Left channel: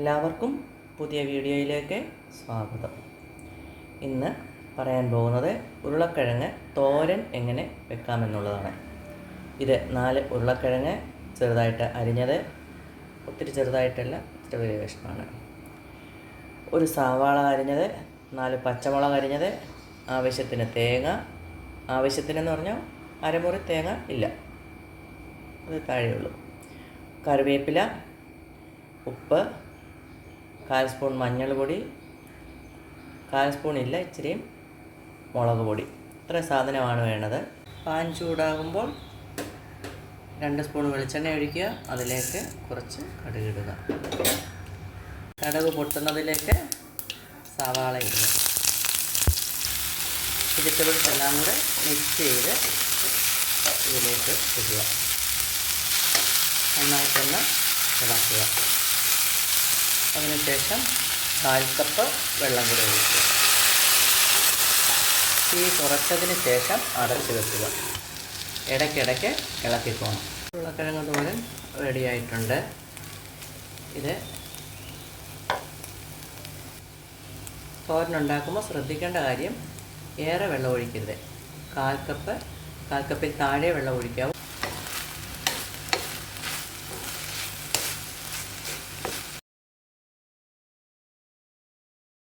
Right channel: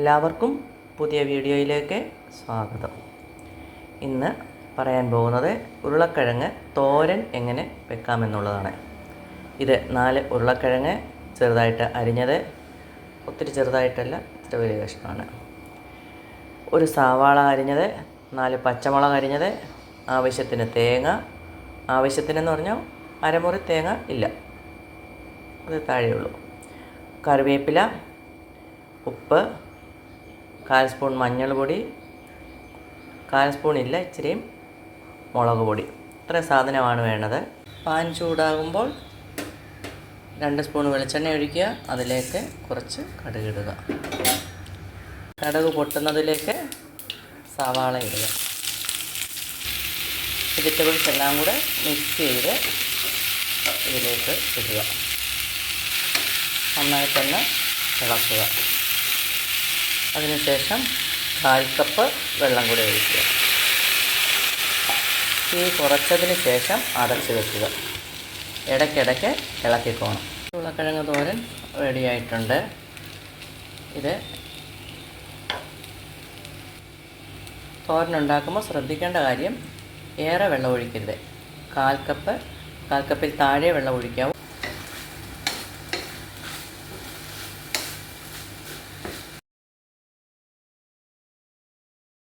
എല്ലാവർക്കും പുതിയ വീഡിയോയിലേക്ക് സ്വാഗതം. ഇന്ന് പറയാൻ പോകുന്നത് ഉരുളക്കിഴങ്ങ് തോരൻ എങ്ങനെ വെക്കാമെന്നുള്ളതാണ്. ഇത് 4 ഉരുളക്കിഴങ്ങ് ചെറുതായിട്ട് അരിഞ്ഞത്, ഒത്തിരി ചെറുതായിട്ടല്ല, ഇത്ര വലിയ കഷ്ണമാണ്. ഒരു സവാള അരിഞ്ഞത്, 4 പച്ചമുളക് അരിഞ്ഞത്, ആവശ്യത്തിന് തേങ്ങ, ആവശ്യത്തിനെന്ന് പറഞ്ഞാൽ അരമുറി തേങ്ങ ഇല്ല, അത് താഴെയുള്ളൂ, കറിവേപ്പില, ഉപ്പ്, 1/4 സ്പൂൺ മഞ്ഞൾപ്പൊടി, 1/4 സ്പൂൺ ഇല്ല, ഇച്ചിരിയും മുളക് പൊടി. ഇത്ര സാധനമാണ് വേണ്ടത്. പാൻ ചൂടാകുമ്പോൾ 2 സ്പൂൺ വെളിച്ചെണ്ണ ഒഴിക്കുക. അതിലേക്ക് കുറച്ച് കടുക് ഇടുക. കടുക് പൊട്ടുന്നതിലേക്ക് സവാള ഇടുക. വെജിറ്റബിൾസ് എല്ലാം കൂടെ മിക്സ് ചെയ്ത് ഇതിലേക്ക് ഇടുക. നന്നായിട്ടൊന്ന് ഇളക്കുക. അതിനുശേഷം 1/4 കപ്പ് വെള്ളം കൂടെ ഒഴിക്കുക. തീ കുറച്ചതിന് ശേഷം അടച്ച് വെക്കുക. ഇടയ്ക്കിടയ്ക്ക് ഇളക്കിക്കോണം. ഉരുളക്കിഴങ്ങ് തോരൻ റെഡിയായിട്ടുണ്ട്. ഇത് തോരനുണ്ടാക്കുമ്പോൾ ശ്രദ്ധിക്കേണ്ട കാര്യം, ഏറെ വെള്ളം ഒഴിക്കരുത്. 1/4 കപ്പിൽ താഴെ വെള്ളം ഒഴിക്കാവൂ.